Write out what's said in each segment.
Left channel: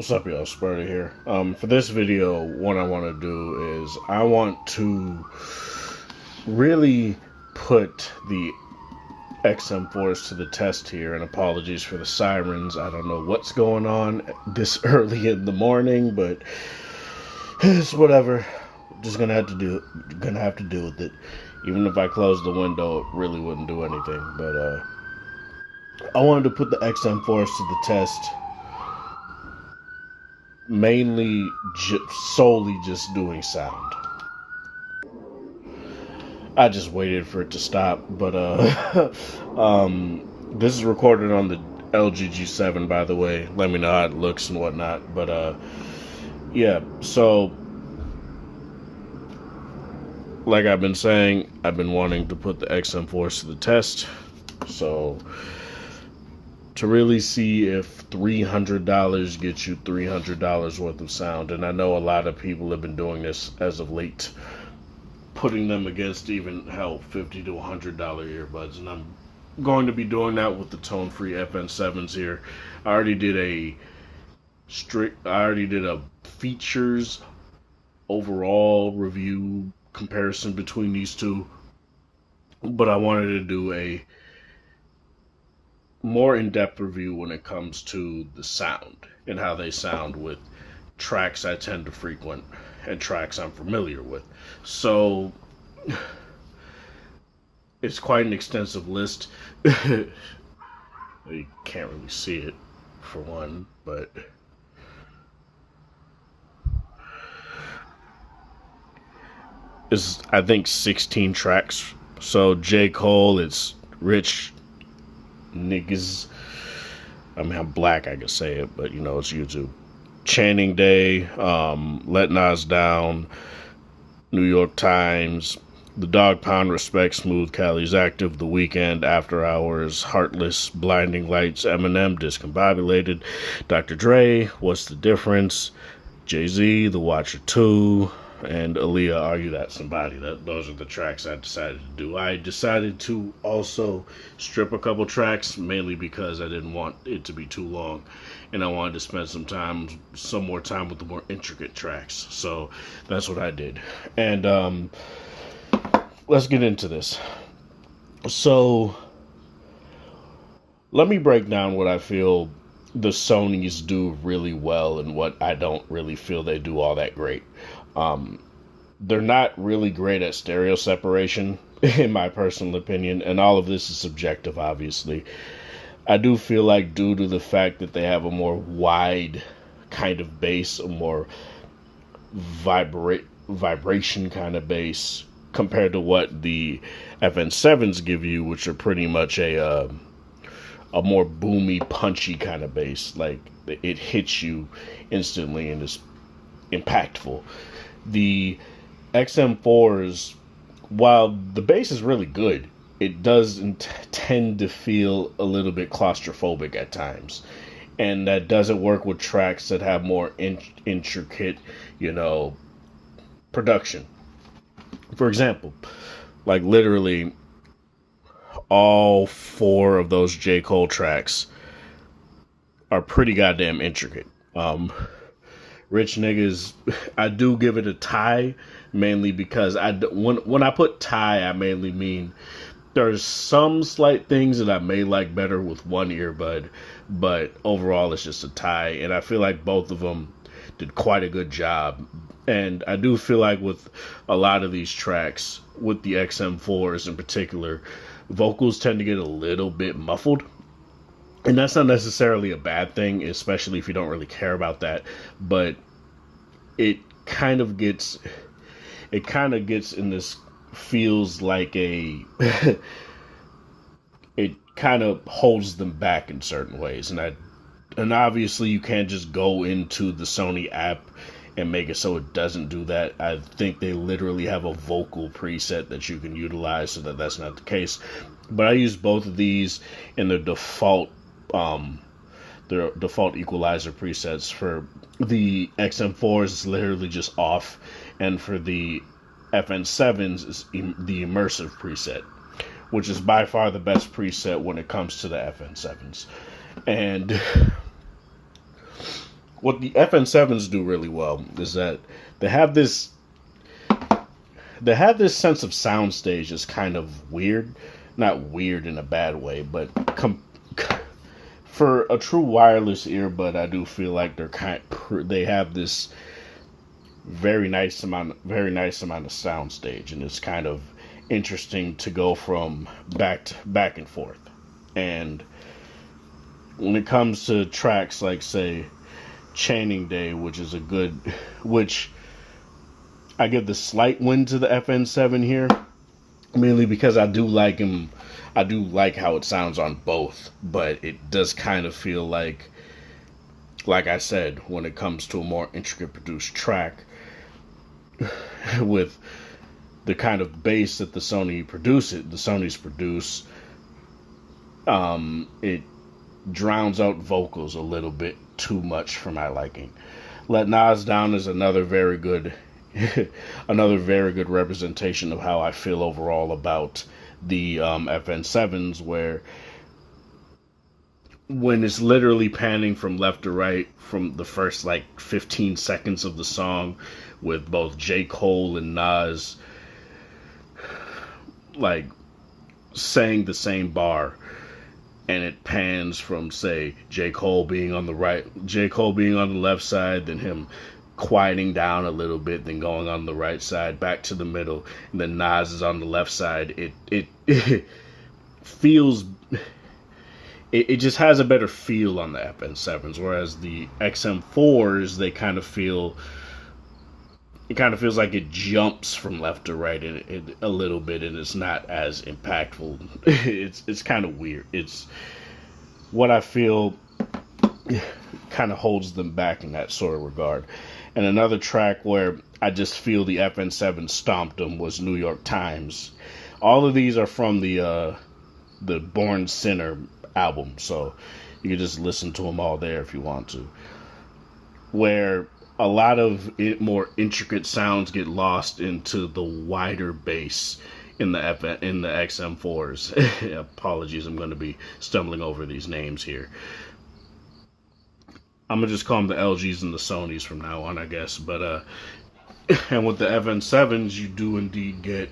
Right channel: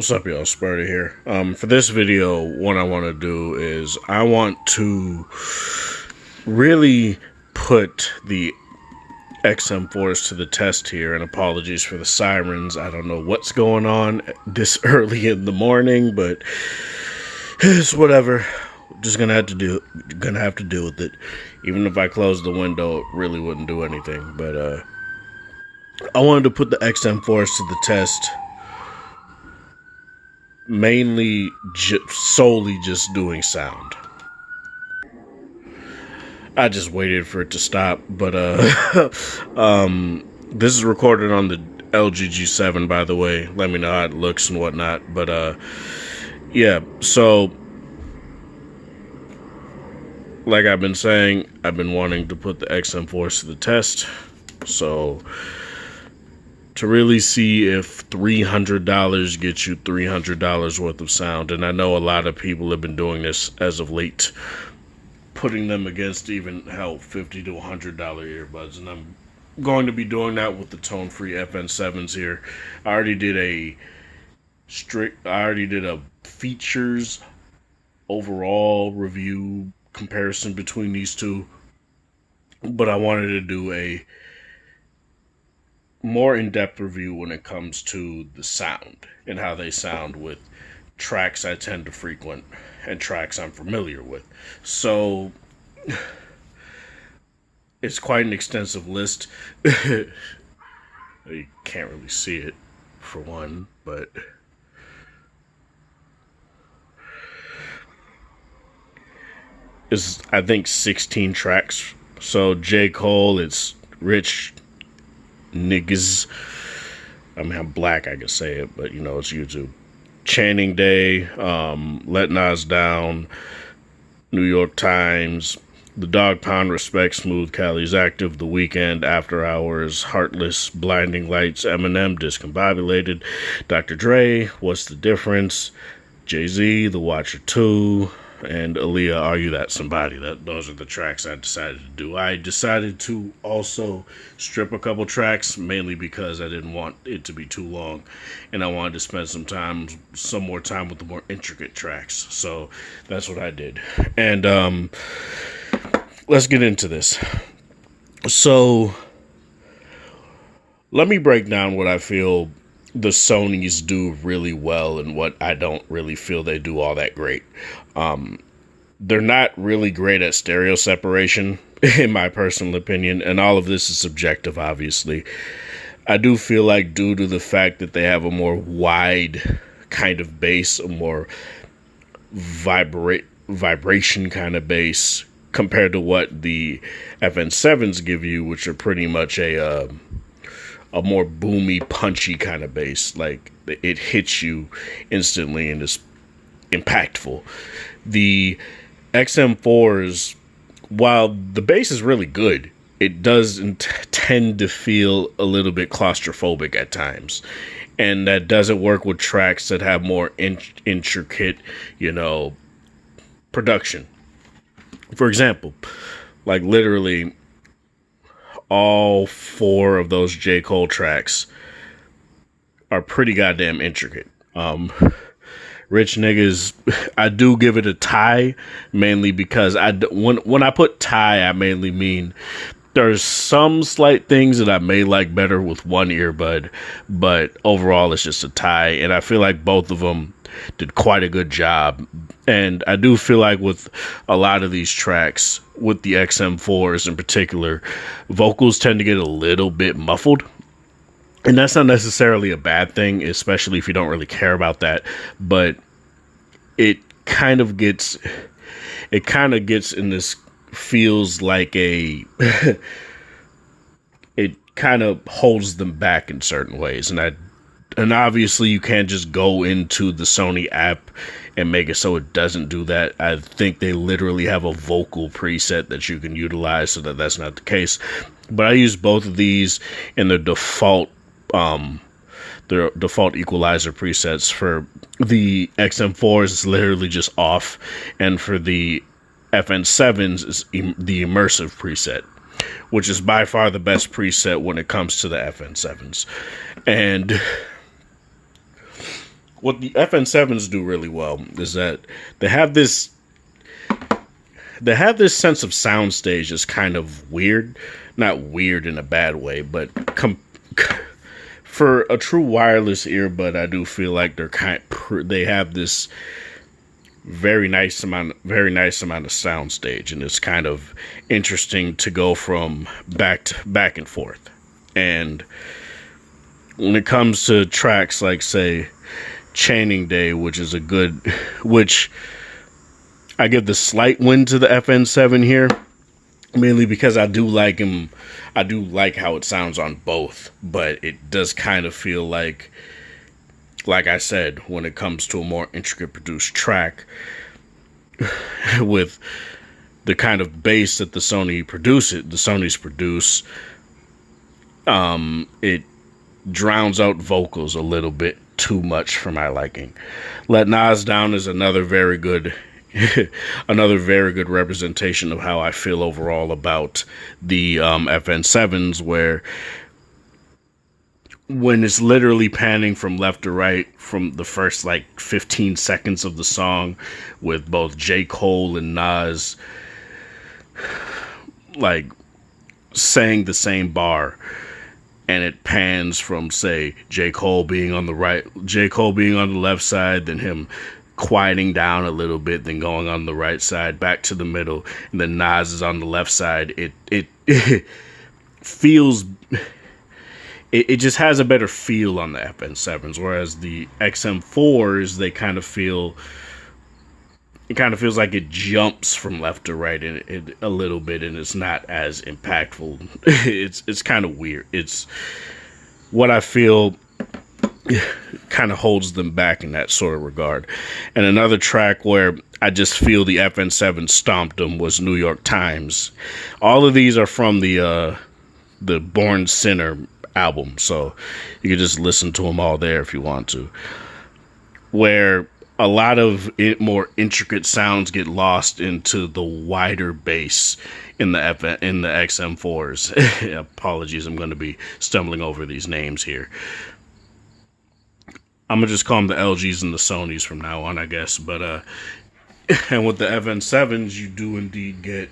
What's up, y'all? Spurter here. For this video, what I want to do is I want to really put the XM4s to the test here, and apologies for the sirens. I don't know what's going on this early in the morning, but it's whatever. Just gonna have to deal with it. Even if I close the window, it really wouldn't do anything. But I wanted to put the XM4s to the test. Mainly solely just doing sound. I just waited for it to stop, but this is recorded on the LG G7, by the way. Let me know how it looks and whatnot. But yeah, so like I've been saying, I've been wanting to put the XM4s to the test. So to really see if $300 gets you $300 worth of sound. And I know a lot of people have been doing this as of late, putting them against even, hell, $50 to $100 earbuds. And I'm going to be doing that with the tone-free FN7s here. I already did a features overall review comparison between these two. But I wanted to do a more in-depth review when it comes to the sound and how they sound with tracks I tend to frequent and tracks I'm familiar with. So it's quite an extensive list. You can't really see it for one, but it's, I think, 16 tracks. So J. Cole, it's Rich Niggas. I mean, I'm black, I can say it, but you know, it's YouTube. Channing Day, Let Nas Down, New York Times, The Dog Pound, Respect, Smooth, Cali's Active, The Weeknd, After Hours, Heartless, Blinding Lights, Eminem, Discombobulated, Dr. Dre, What's the Difference, Jay-Z, The Watcher 2, and Aaliyah, Are You That Somebody? Those are the tracks I decided to do. I decided to also strip a couple tracks, mainly because I didn't want it to be too long, and I wanted to spend some more time with the more intricate tracks. So that's what I did. And let's get into this. So let me break down what I feel the Sonys do really well and what I don't really feel they do all that great. They're not really great at stereo separation, in my personal opinion, and all of this is subjective, obviously. I do feel like, due to the fact that they have a more wide kind of bass, a more vibration kind of bass, compared to what the FN7s give you, which are pretty much a more boomy, punchy kind of bass. Like, it hits you instantly and is impactful. The XM4s, while the bass is really good, it does tend to feel a little bit claustrophobic at times. And that doesn't work with tracks that have more intricate, production. For example, like literally all 4 of those J. Cole tracks are pretty goddamn intricate. Rich Niggas, I do give it a tie, mainly because when I put tie, I mainly mean there's some slight things that I may like better with one earbud, but overall it's just a tie, and I feel like both of them did quite a good job. And I do feel like with a lot of these tracks, with the XM4s in particular, vocals tend to get a little bit muffled. And that's not necessarily a bad thing, especially if you don't really care about that. But it kind of gets in this, feels like it kind of holds them back in certain ways. And obviously you can't just go into the Sony app and make it so it doesn't do that. I think they literally have a vocal preset that you can utilize so that that's not the case. But I use both of these in the default equalizer presets. For the XM4s, it's literally just off, and for the FN7s, it's the immersive preset, which is by far the best preset when it comes to the FN7s. And what the FN7s do really well is that they have this they have this sense of soundstage that's kind of weird, not weird in a bad way, but for a true wireless earbud, I do feel like they have this very nice amount of soundstage, and it's kind of interesting to go from back and forth. And when it comes to tracks like, say, Chaining Day, which I give the slight win to the FN7 here, mainly because I do like him. I do like how it sounds on both, but it does kind of feel like I said, when it comes to a more intricate produced track with the kind of bass that the Sonys produce, it drowns out vocals a little bit too much for my liking. Let Nas Down is another very good representation of how I feel overall about the FN7s, where when it's literally panning from left to right from the first like 15 seconds of the song, with both J. Cole and Nas like saying the same bar, and it pans from, say, J. Cole being on the left side, then him quieting down a little bit, then going on the right side, back to the middle, and then Nas is on the left side. It feels, it just has a better feel on the FN7s, whereas the XM4s, it kind of feels like it jumps from left to right a little bit, and it's not as impactful. It's kind of weird. It's what I feel kind of holds them back in that sort of regard. And another track where I just feel the FN7 stomped them was New York Times. All of these are from the Born Sinner album, so you can just listen to them all there if you want to, where a lot of more intricate sounds get lost into the wider bass in the XM4s. Apologies, I'm going to be stumbling over these names here. I'm going to just call them the LGs and the Sonys from now on, I guess. But and with the FN7s, you do indeed get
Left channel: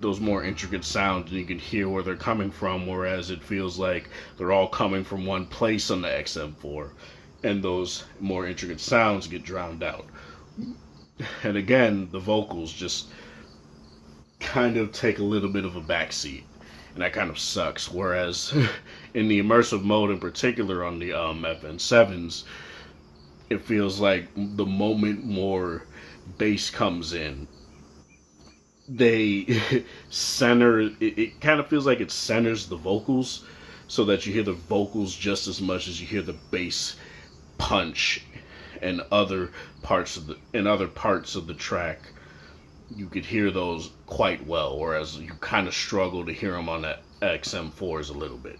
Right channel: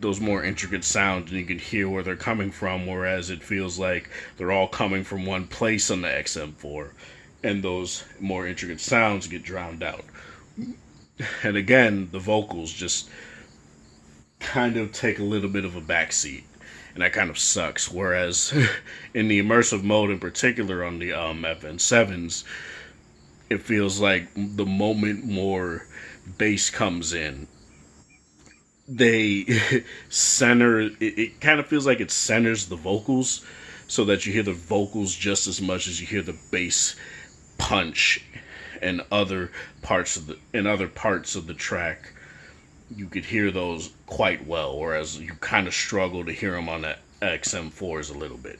those more intricate sounds, and you can hear where they're coming from, whereas it feels like they're all coming from one place on the XM4, and those more intricate sounds get drowned out. And again, the vocals just kind of take a little bit of a backseat, and that kind of sucks. Whereas in the immersive mode in particular on the FN7s, it feels like the moment more bass comes in, they center it kind of feels like it centers the vocals, so that you hear the vocals just as much as you hear the bass punch and other parts of the track. You could hear those quite well, whereas you kind of struggle to hear them on the XM4s a little bit.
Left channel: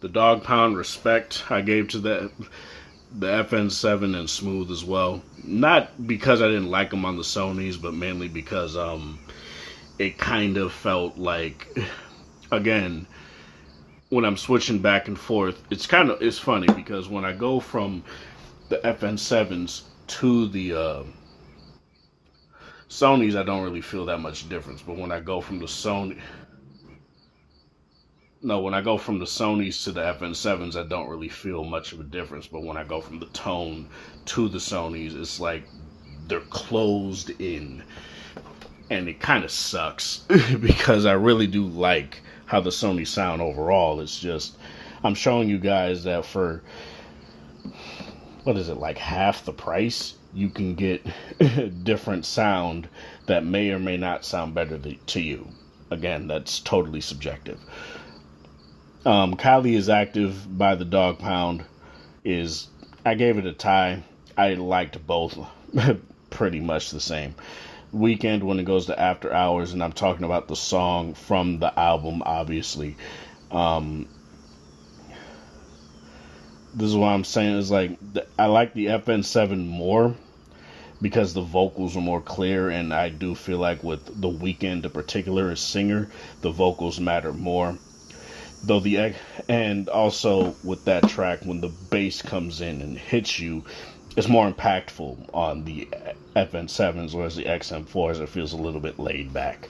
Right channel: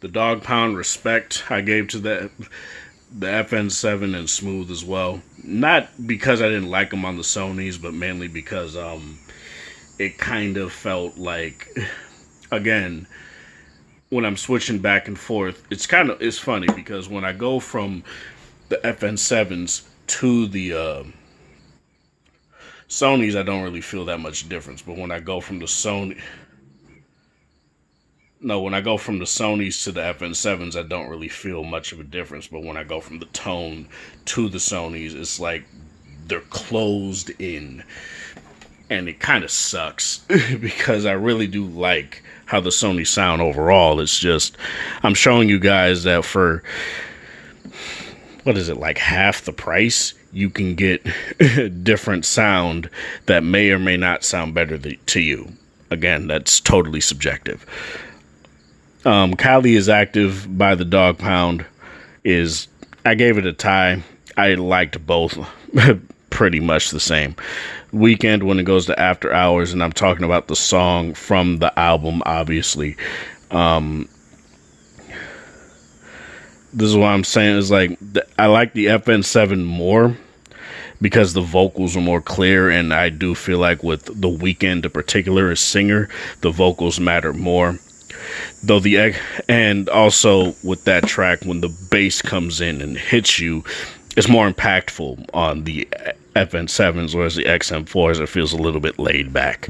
The dog pound respect I gave to the FN7 and Smooth as well. Not because I didn't like them on the Sonys, but mainly because it kind of felt like, again, when I'm switching back and forth, it's funny because when I go from the FN7s to the Sonys, I don't really feel that much difference. But when I go from the Sonys to the FN7s, I don't really feel much of a difference. But when I go from the tone to the Sonys, it's like they're closed in. And it kind of sucks because I really do like how the Sony sound overall. It's just, I'm showing you guys that for, what is it, like half the price, you can get different sound that may or may not sound better to you. Again, that's totally subjective. Cali is Active by the Dog Pound I gave it a tie. I liked both pretty much the same. Weekend when it goes to After Hours, and I'm talking about the song from the album, obviously. This is what I'm saying, is like, I like the FN7 more because the vocals are more clear, and I do feel like with The Weeknd in particular as singer, the vocals matter more. though and also with that track, when the bass comes in and hits you, it's more impactful on the FN7s, whereas the XM4s, it feels a little bit laid back.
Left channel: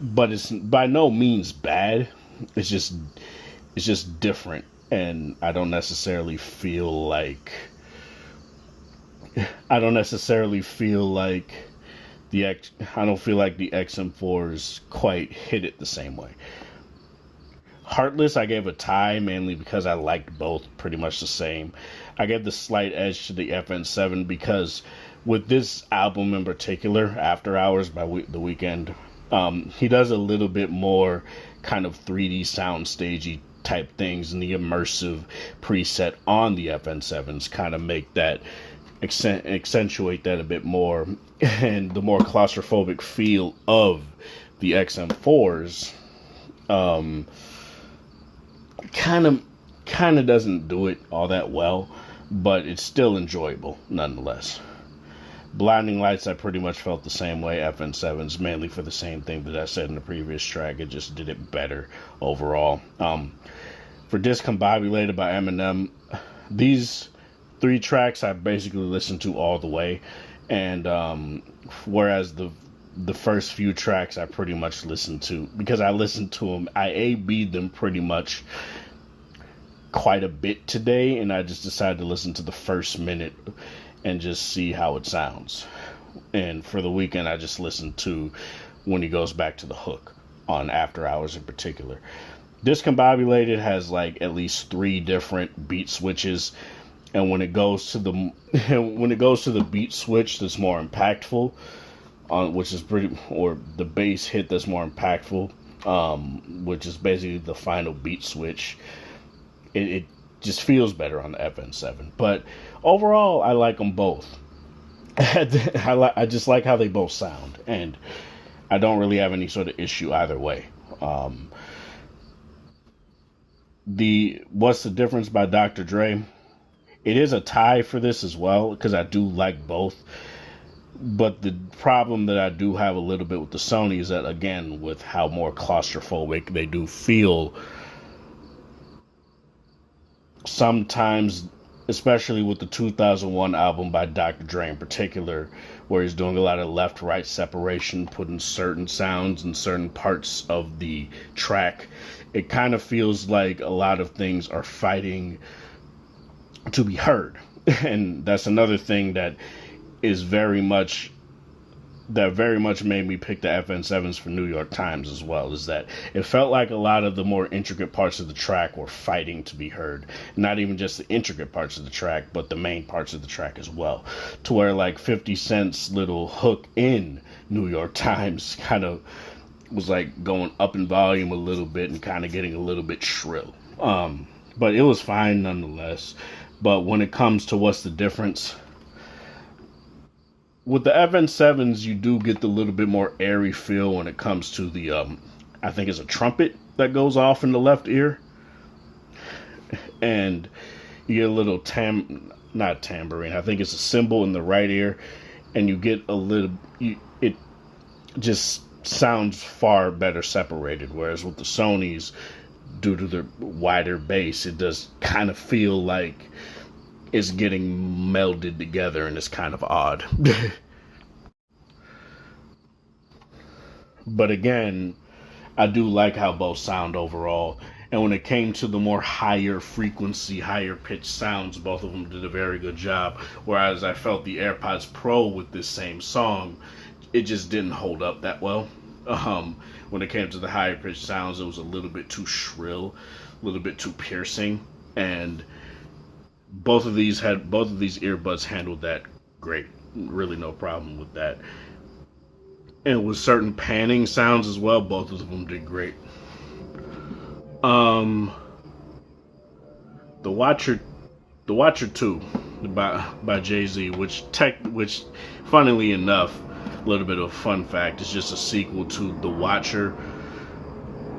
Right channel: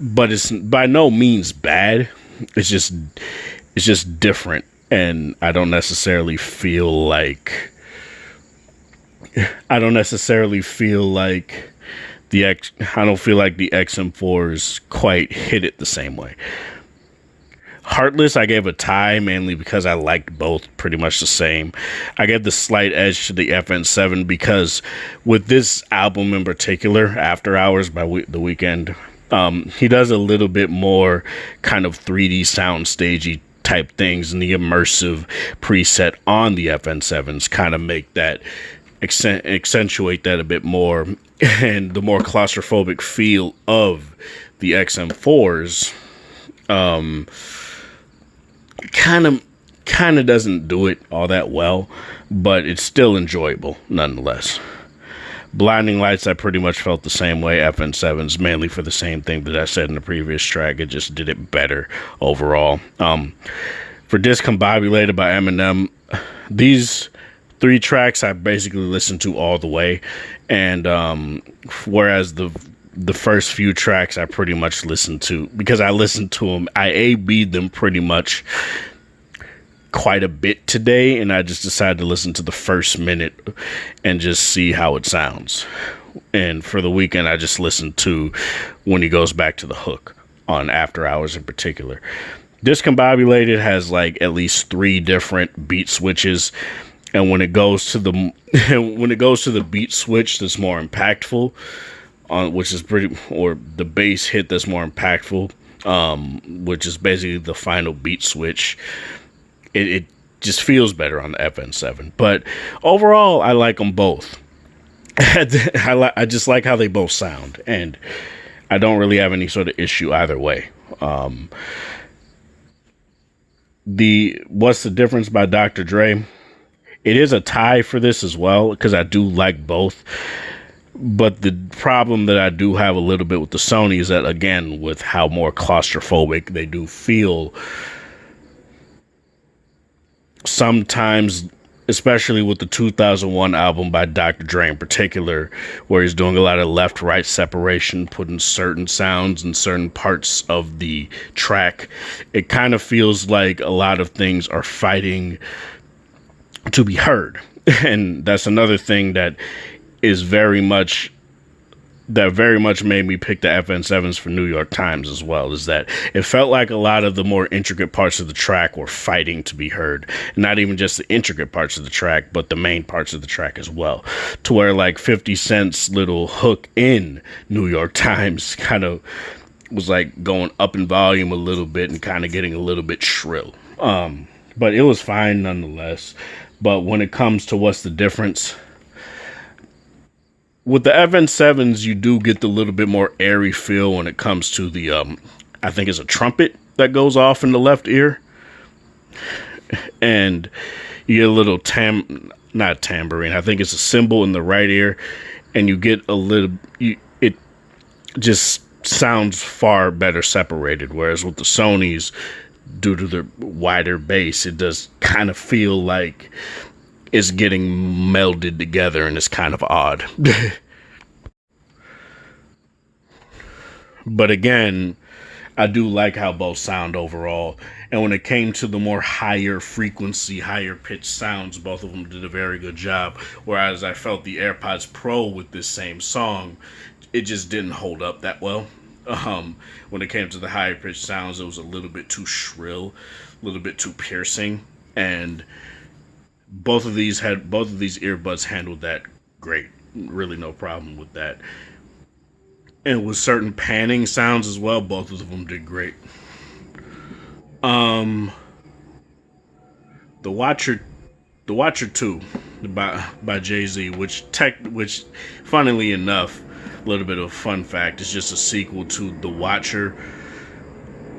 But it's by no means bad. It's just different, and I don't necessarily feel like I don't necessarily feel like I don't feel like the XM4s quite hit it the same way. Heartless, I gave a tie, mainly because I liked both pretty much the same. I gave the slight edge to the FN7 because with this album in particular, After Hours by The Weeknd, he does a little bit more kind of 3D sound stagey type things, and the immersive preset on the FN7s kind of make that accentuate that a bit more, and the more claustrophobic feel of the XM4s kind of doesn't do it all that well, but it's still enjoyable nonetheless. Blinding Lights, I pretty much felt the same way. FN7's mainly for the same thing that I said in the previous track. It just did it better overall. For Discombobulated by Eminem, these 3 tracks I basically listened to all the way, and whereas the first few tracks I pretty much listened to, because I listened to them, I A-B'd them pretty much quite a bit today, and I just decided to listen to the first minute and just see how it sounds. And for The Weeknd, I just listened to when he goes back to the hook on After Hours in particular. Discombobulated has like at least 3 different beat switches, and when it goes to the beat switch that's more impactful, which is or the bass hit that's more impactful, which is basically the final beat switch, it just feels better on the FN7. But overall, I like them both. I just like how they both sound, and I don't really have any sort of issue either way. What's the Difference by Dr. Dre? It is a tie for this as well, because I do like both. But the problem that I do have a little bit with the Sony is that, again, with how more claustrophobic they do feel, sometimes, especially with the 2001 album by Dr. Dre in particular, where he's doing a lot of left-right separation, putting certain sounds in certain parts of the track, it kind of feels like a lot of things are fighting to be heard. And that's another thing that very much made me pick the FN7s for New York Times as well, is that it felt like a lot of the more intricate parts of the track were fighting to be heard. Not even just the intricate parts of the track, but the main parts of the track as well. To where like 50 Cent's little hook in New York Times kind of was like going up in volume a little bit and kind of getting a little bit shrill. But it was fine nonetheless. But when it comes to What's the Difference, with the FN7s, you do get the little bit more airy feel when it comes to the, I think it's a trumpet that goes off in the left ear. And you get a little not tambourine, I think it's a cymbal in the right ear. And you get a little, it just sounds far better separated. Whereas with the Sonys, due to the wider bass, it does kind of feel like it's getting melded together, and it's kind of odd. But again, I do like how both sound overall. And when it came to the more higher frequency, higher pitched sounds, both of them did a very good job. Whereas I felt the AirPods Pro with this same song, it just didn't hold up that well. When it came to the higher pitched sounds, it was a little bit too shrill, a little bit too piercing, and both of these earbuds handled that great. Really no problem with that. And with certain panning sounds as well, both of them did great. The Watcher 2 by Jay-Z, which funnily enough, a little bit of a fun fact, it's just a sequel to The Watcher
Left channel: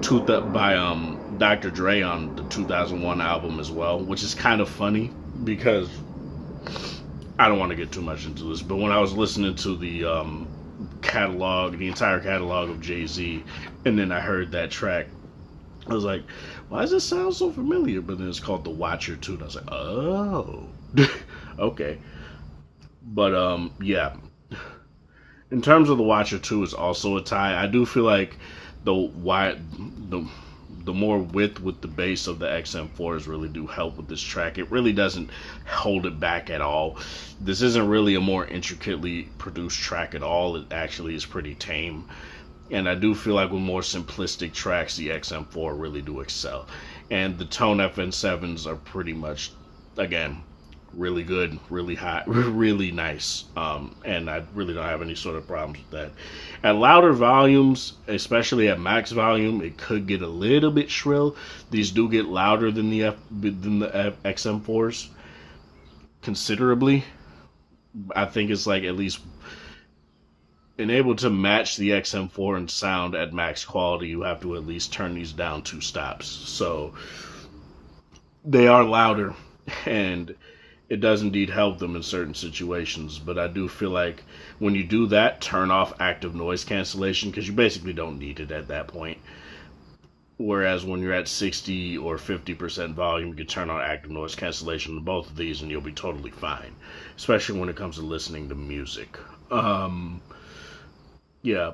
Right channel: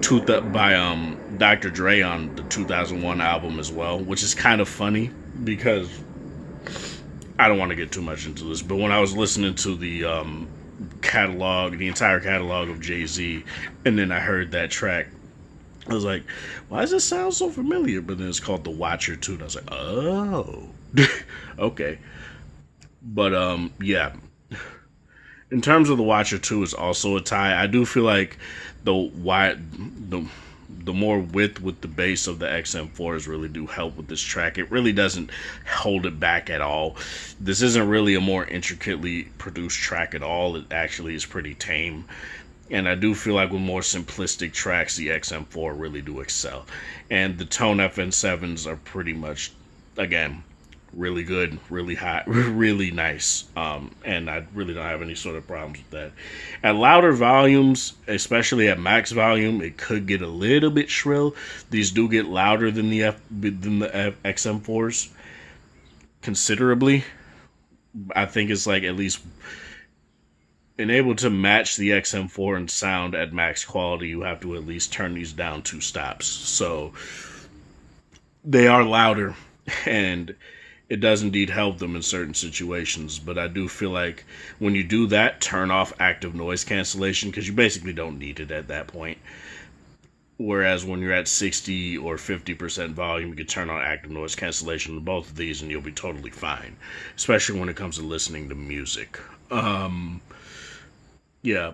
by Dr. Dre on the 2001 album as well, which is kind of funny because I don't want to get too much into this, but when I was listening to the entire catalog of Jay-Z, and then I heard that track I was like, why does this sound so familiar? But then it's called the Watcher 2. And I was like, oh, okay. But yeah. In terms of the Watcher 2, it's also a tie. I do feel like the wide the more width with the bass of the XM4s really do help with this track. It really doesn't hold it back at all. This isn't really a more intricately produced track at all. It actually is pretty tame. And I do feel like with more simplistic tracks, the XM4 really do excel. And the Tone FN7s are pretty much, again, really good, really hot, really nice. And I really don't have any sort of problems with that. At louder volumes, especially at max volume, it could get a little bit shrill. These do get louder than the XM4s considerably. I think it's like at least and able to match the XM4 in sound at max quality, you have to at least turn these down 2 stops. So they are louder, and it does indeed help them in certain situations. But I do feel like when you do that, turn off active noise cancellation, because you basically don't need it at that point. Whereas when you're at 60 or 50% volume, you can turn on active noise cancellation to both of these and you'll be totally fine, especially when it comes to listening to music. Yeah.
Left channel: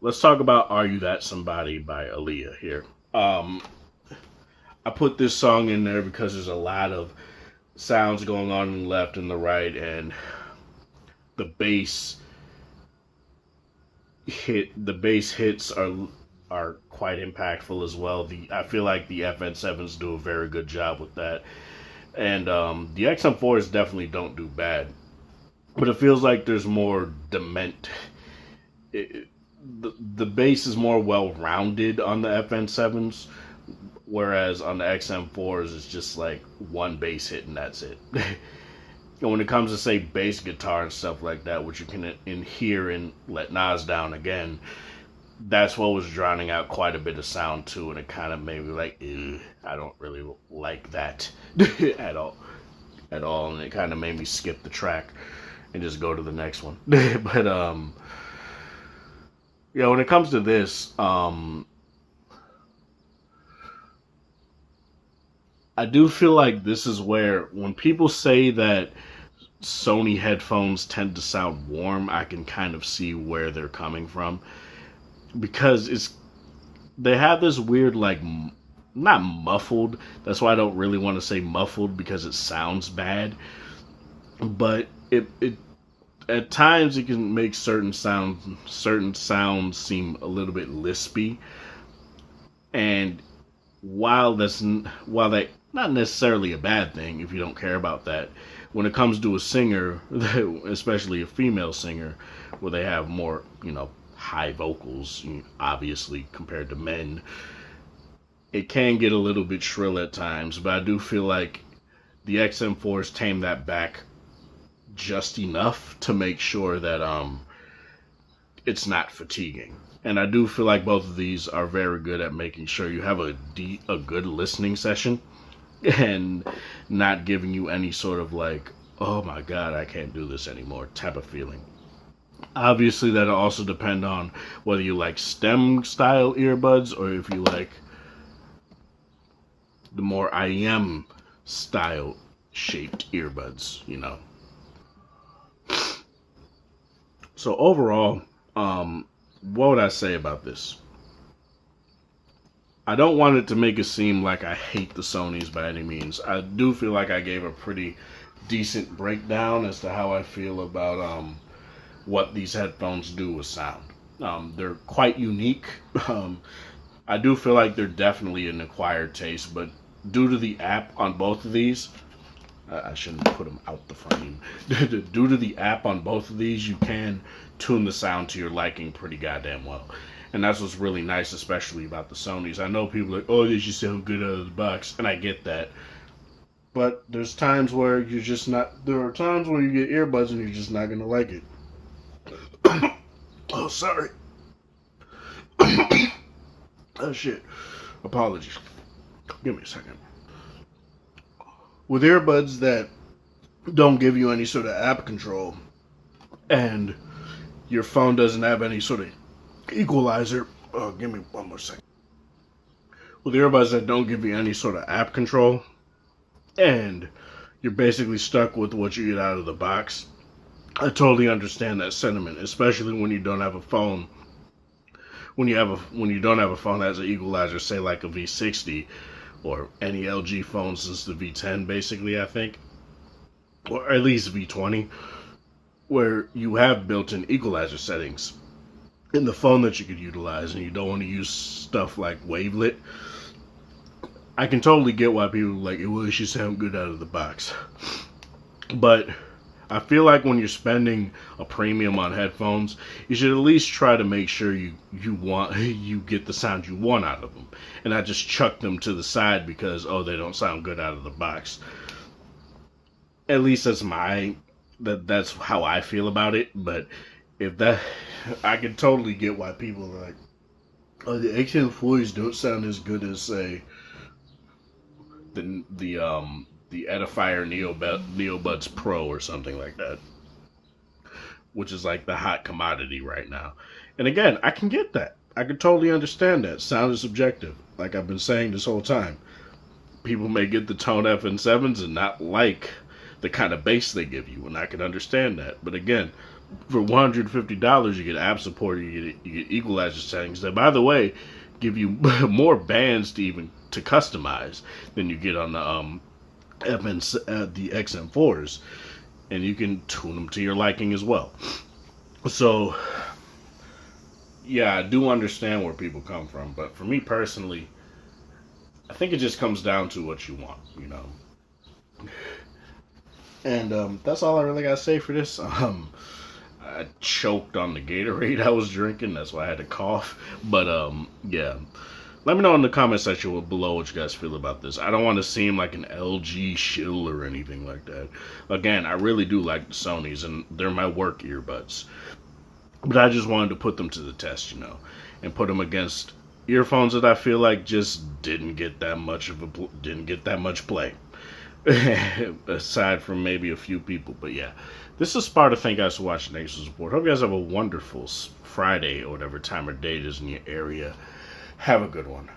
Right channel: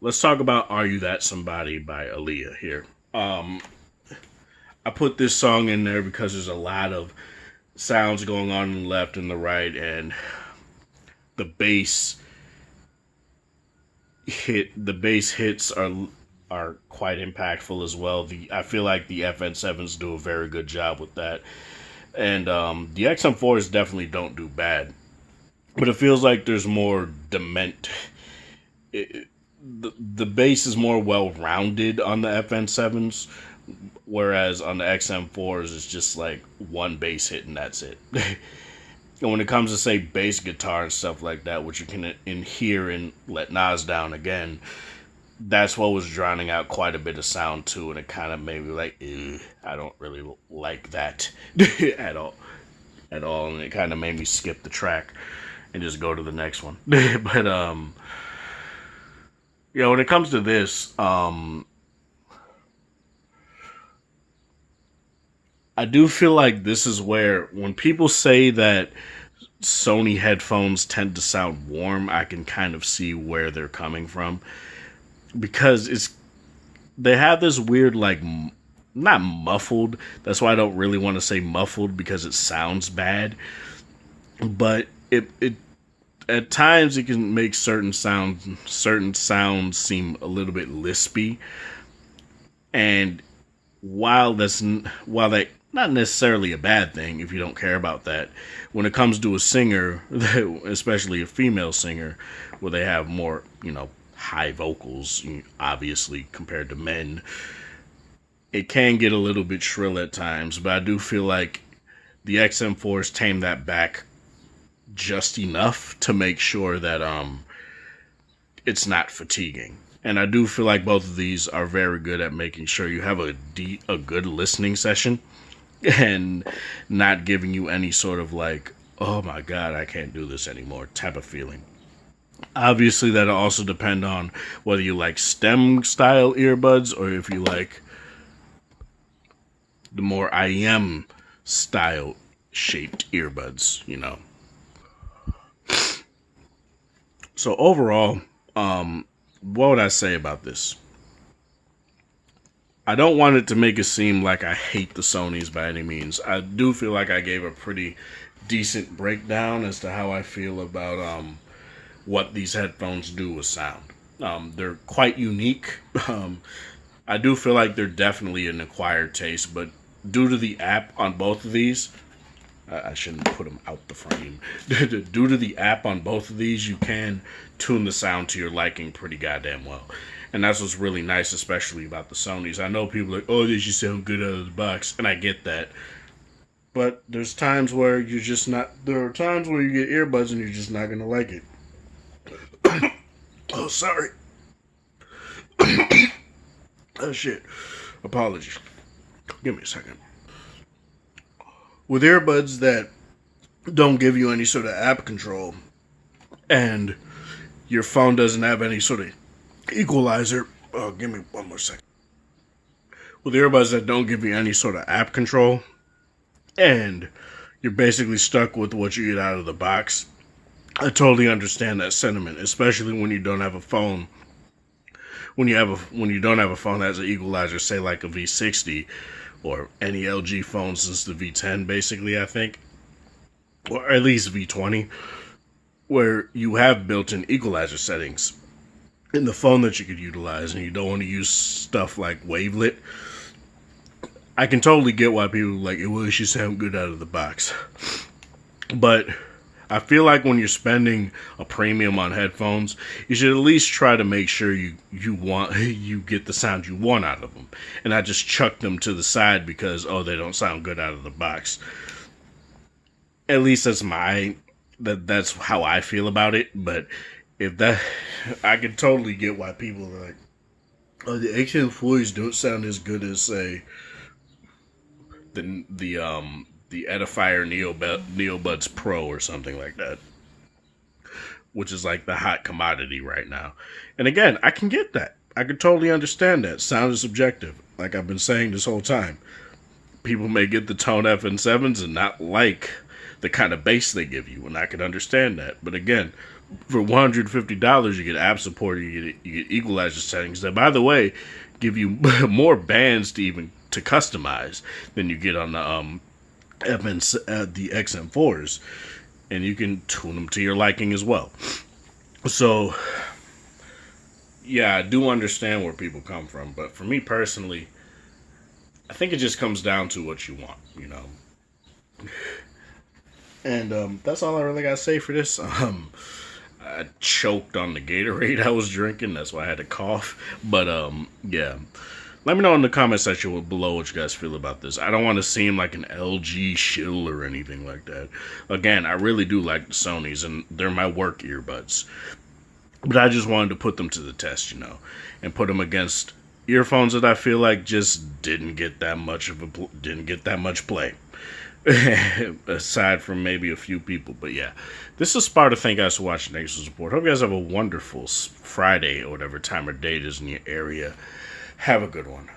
Let's talk about Are You That Somebody by Aaliyah here. I put this song in there because there's a lot of sounds going on in the left and the right, and the bass hits are quite impactful as well. I feel like the FN7s do a very good job with that. And the XM4s definitely don't do bad. But it feels like there's more dement. The bass is more well rounded on the FN7s, whereas on the XM4s it's just like one bass hit and that's it. And when it comes to say bass guitar and stuff like that, which you can hear in Let Nas Down Again, that's what was drowning out quite a bit of sound too, and it kind of made me like, I don't really like that at all, and it kind of made me skip the track and just go to the next one. But yeah, when it comes to this, I do feel like this is where when people say that Sony headphones tend to sound warm, I can kind of see where they're coming from, because they have this weird, like, not muffled. That's why I don't really want to say muffled, because it sounds bad. But it at times it can make certain sounds seem a little bit lispy. And while that not necessarily a bad thing if you don't care about that, when it comes to a singer, especially a female singer, where they have more, high vocals, obviously, compared to men, it can get a little bit shrill at times. But I do feel like the XM4s tame that back just enough to make sure that it's not fatiguing. And I do feel like both of these are very good at making sure you have a good listening session and not giving you any sort of like, oh my god, I can't do this anymore type of feeling. Obviously, that'll also depend on whether you like stem style earbuds or if you like the more IEM style shaped earbuds, So overall, what would I say about this? I don't want it to make it seem like I hate the Sonys by any means. I do feel like I gave a pretty decent breakdown as to how I feel about what these headphones do with sound. They're quite unique. I do feel like they're definitely an acquired taste, but due to the app on both of these, I shouldn't put them out the frame. Due to the app on both of these, you can tune the sound to your liking pretty goddamn well. And that's what's really nice, especially about the Sonys. I know people are like, oh, they should sound good out of the box, and I get that. But there's times where you're just not, there are times where you get earbuds and you're just not going to like it. Oh, sorry. Oh, shit. Apologies. Give me a second. With earbuds that don't give you any sort of app control and your phone doesn't have any sort of equalizer, Oh, give me one more second. With earbuds that don't give you any sort of app control, and you're basically stuck with what you get out of the box. I totally understand that sentiment, especially when you don't have a phone. When you don't have a phone that has an equalizer, say like a V60 or any LG phone since the V10, basically, I think, or at least V20, where you have built-in equalizer settings in the phone that you could utilize, and you don't want to use stuff like wavelet. I can totally get why people are like, well, it should sound good out of the box. But I feel like when you're spending a premium on headphones, you should at least try to make sure you get the sound you want out of them, and not just chuck them to the side because they don't sound good out of the box. At least that's how I feel about it. But if that, I can totally get why people are like, oh, the XM4s don't sound as good as say the Edifier Neobuds Pro or something like that, which is like the hot commodity right now. And again, I can get that. I can totally understand that. Sound is subjective, like I've been saying this whole time. People may get the tone FN7s and not like the kind of bass they give you, and I can understand that. But again, for $150, you get app support, you get equalizer settings that, by the way, give you more bands to customize than you get on the the XM4s, and you can tune them to your liking as well. So, yeah, I do understand where people come from, but for me personally, I think it just comes down to what you want, you know. And that's all I really gotta say for this. I choked on the Gatorade I was drinking, that's why I had to cough. But yeah. Let me know in the comment section below what you guys feel about this. I don't want to seem like an LG shill or anything like that. Again, I really do like the Sonys, and they're my work earbuds. But I just wanted to put them to the test, you know, and put them against earphones that I feel like just didn't get that much play. Aside from maybe a few people. But yeah, this is Sparta. Thank you guys for watching. Thanks for support. Hope you guys have a wonderful Friday or whatever time or date is in your area. Have a good one.